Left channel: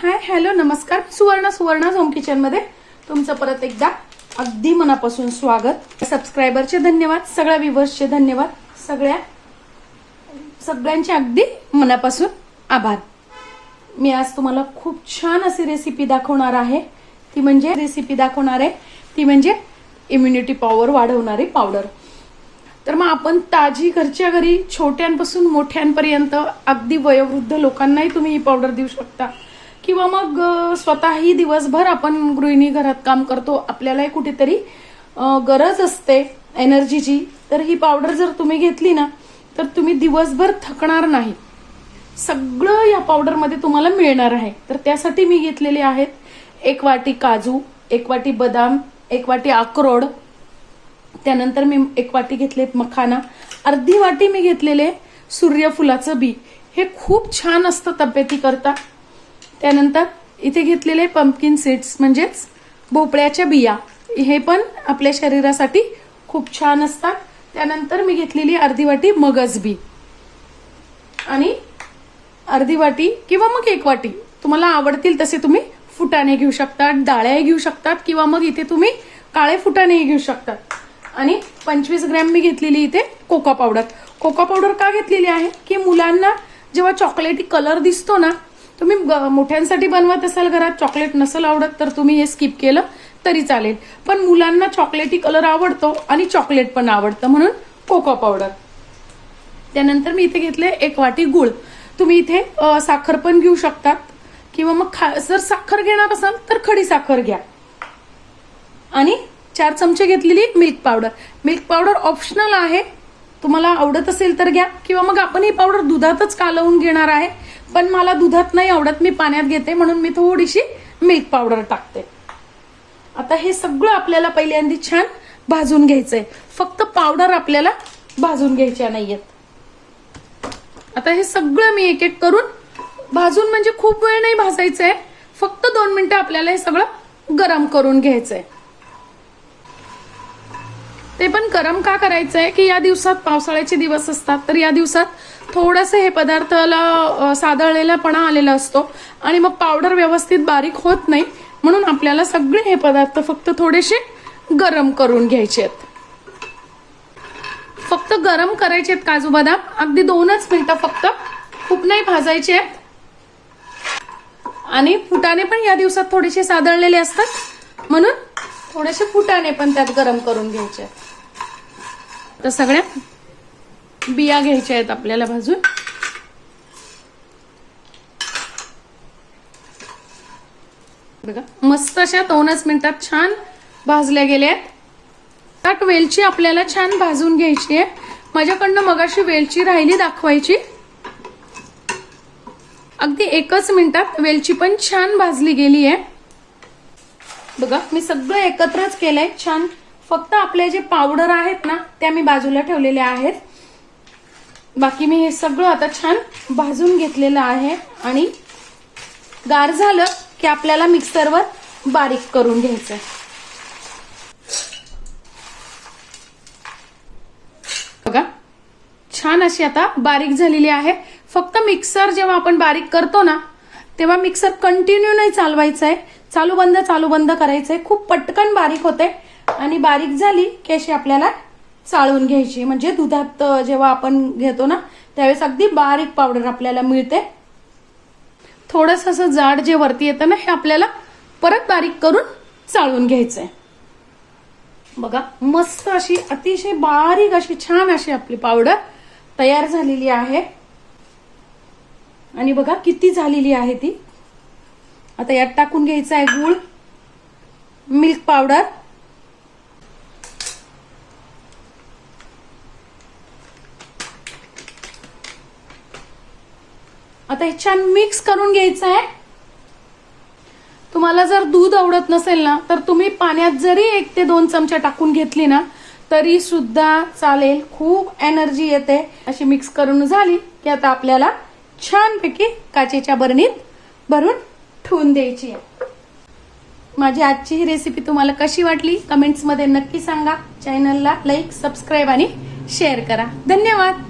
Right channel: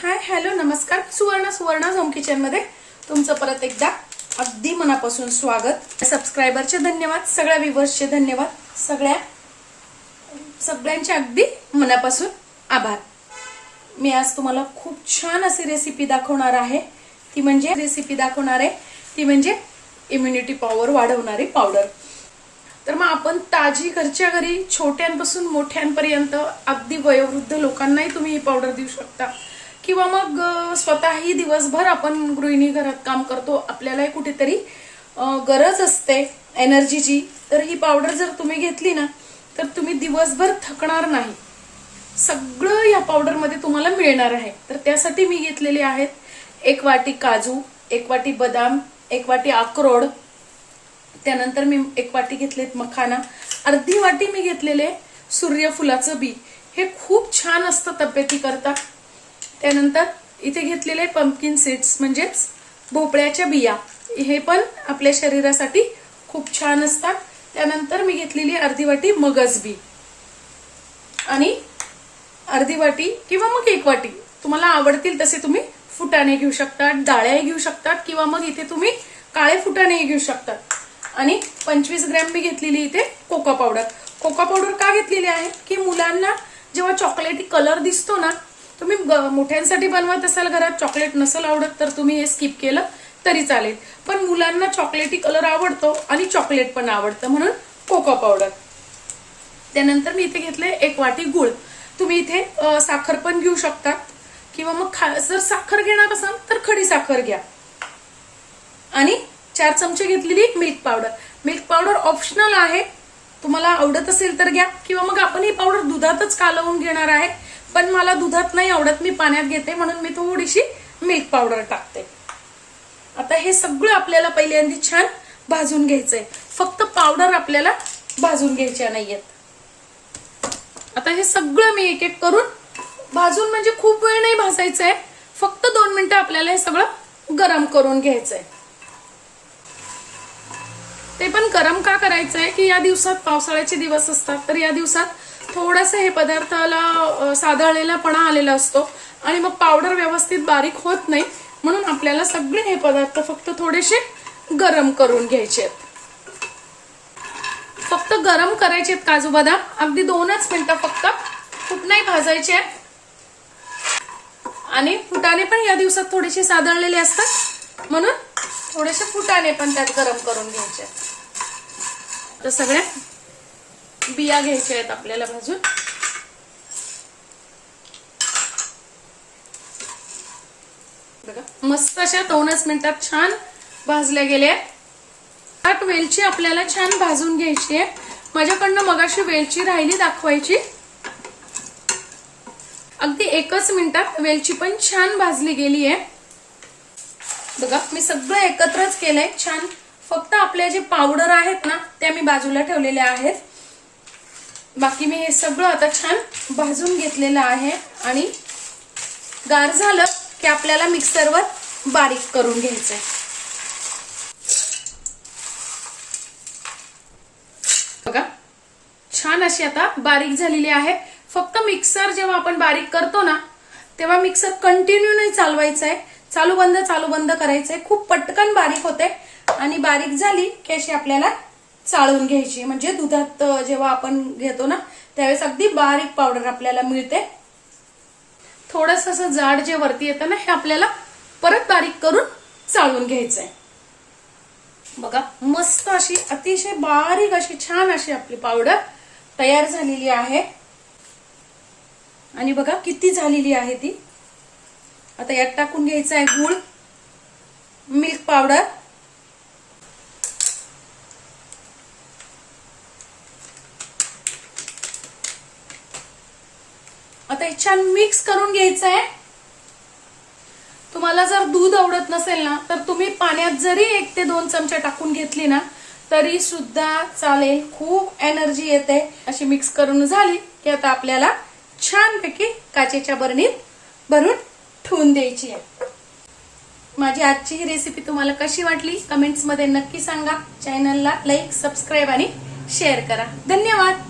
Hi hello नमस्कार. सुवर्ण home kitchen मध्ये तुमचं परत एकदा अगदी मनापासून स्वागत. सबस्क्रायबरचे धन्यवाद, सगळ्या व्ह्यूअर्सचे धन्यवाद, सगळ्यांचे अगदी मनापासून आभार. मी आज तुम्हाला खूप छान अशी रेसिपी दाखवणार आहे. ती म्हणजे इम्युनिटी पॉवर वाढवणारी पावडर. तर मग आपण ताजी घरच्या घरी छोट्यांपासून मोठ्यांपर्यंत अगदी वयोवृद्ध लोकांनाही तुम्ही ही पावडर देऊ शकता, किंवा मग स्वतःही दिवसभर आपण गृहिणी घरात काम करतो, आपल्यालाही कुठेतरी गरज असते एनर्जीची. तर ही पावडर जर तुम्ही घेतली ना तर तुम्ही दिवसभर थकणार नाही. सगळं या पावडर मध्ये तुम्हाला मिळणार आहे. तर त्यासाठी मी घेतलेले आहेत 1 वाटी काजू, 1 वाटी बदाम, 1 वाटी अक्रोड, त्यानंतर मी 1 वाटी घेतलेत मखाना, अर्धी वाटी मी घेतलेले सूर्यफुलाचं बी. हे खूप छान असतं तब्येतीकरता. त्यानंतर इथे घेतलेले पंपकिन सीड्स म्हणजेच भोपळ्याच्या बिया, हे पण आपल्या शरीरासाठी खूप छान असतात. त्यानंतर मी घेतलेली अर्धी वाटी मगज बी आणि अर्धी वाटी किंवा मग 1 वाटी, तुम्हाला आवडतील तसे तुम्ही फुटाणे घेऊ शकतात, डाळ्याही घेऊ शकतात, किंवा मग इथे तुम्ही काळे फुटाणेही घेऊ शकतात. आणि 25 ग्रॅम मी घेतलेली इथे कोका पावडर. कोका पावडर का घेतलेली आहे की मुलांना जेव्हा चॉकलेटी कलर दिसतो ना, तुम्ही मोठ्यांसाठी बनवत असाल, घरात चॉकलेट नसेल आवडत तर तुम्ही हे स्किप केलं तरी चालेल, पण मुलांना चॉकलेटी कलर आवडतो आणि चॉकलेट पण आवडतं, म्हणून कोका पावडर. त्यानंतर मी इथे घेतले 1 वाटी गुळ. तुम्ही इथे साखर पण घेऊ शकतात, किंवा मग जर साखर घेणार असाल तर खडी साखर घ्या. आणि 4 चमचे घेतलेली milk powder. Milk powder optional आहे, तुम्हाला आवडत असेल तर घ्या, किंवा मग आपण ही पावडर दुधातच कालवून घेणार आहे, पण मला दुधात नाही आवडत, मी पाण्यात घेते, म्हणून मी थोडीशी मिल्क पावडर टाकते. आता हे सगळं आपल्याला पहिल्यांदा छान भाजून घ्यायचंय. फक्त पावडर आपल्याला भाजून घ्यायच्या नाहीयेत. आता हे सगळं मी एक एक करून भाजून, म्हणजे खूप वेळ नाही भाजायचंय, फक्त 2 मिनिटं आपल्याला हे सगळं गरम करून घ्यायचंय. ते पण गरम का करायचंय की या दिवसात पावसाळ्याचे दिवस असतात, तर या दिवसात थोडंसं हे पदार्थाला सादळलेलापणा आलेला असतो आणि मग पावडर व्यवस्थित बारीक होत नाही, म्हणून आपल्याला सगळे हे पदार्थ फक्त थोडेसे गरम करून घ्यायचे आहेत. फक्त गरम करायचे आहेत काजू बदाम, अगदी 2च मिनिटं फक्त, खूप नाही भाजायचे. आणि फुटाणे पण या दिवसात थोडेसे सादळलेले असतात, म्हणून थोडेसे फुटाणे पण त्यात गरम करून घ्यायचे. तर सगळ्या बिया घ्यायच्या आहेत आपल्याला भाजून. बघा मस्त अशा 2च मिनिटात छान भाजल्या गेल्या. त्यात वेलची आपल्याला छान भाजून घ्यायची आहे. माझ्याकडनं मगाशी वेलची राहिली दाखवायची. अगदी 1च मिनिटात वेलची पण छान भाजली गेली आहे. बघा मी सगळं एकत्रच केलंय छान. फक्त आपले जे पावडर आहेत ना त्या मी बाजूला ठेवलेल्या आहेत. बाकी मी हे सगळं आता छान भाजून घेतलेलं आहे. आणि गार झालं की आपल्याला मिक्सरवर बारीक करून घ्यायचंय. बघा छान अशी आता बारीक झालेली आहे. फक्त मिक्सर जेव्हा आपण बारीक करतो ना तेव्हा मिक्सर कंटिन्यू नाही चालवायचंय, चालू बंद करायचंय. खूप पटकन बारीक होते आणि बारीक झाली की अशी आपल्याला चाळून घ्यायची, म्हणजे दुधात जेव्हा आपण घेतो ना त्यावेळेस अगदी बारीक पावडर आपल्याला मिळते. थोडस असं जाड जे वरती येतं ना हे आपल्याला परत बारीक करून चाळून घ्यायचंय. बघा मस्त अशी अतिशय बारीक अशी छान अशी आपली पावडर तयार झालेली आहे. आणि बघा किती झालेली आहे ती. आता यात टाकून घ्यायचं आहे गूळ, मिल्क पावडर, आता हे छान मिक्स करून घ्यायचं आहे. तुम्हाला जर दूध आवडत नसेल ना तर तुम्ही पाण्यात जरी 1 ते 2 चमचे टाकून घेतली ना तरी सुद्धा चालेल. खूप एनर्जी येते. अशी मिक्स करून झाली की आता आपल्याला छानपैकी काचेच्या बरणीत भरून ठेवून द्यायची आहे. माझी आजची ही रेसिपी तुम्हाला कशी वाटली कमेंट्स मध्ये नक्की सांगा. चॅनलला लाईक, सबस्क्राईब आणि शेअर करा. धन्यवाद.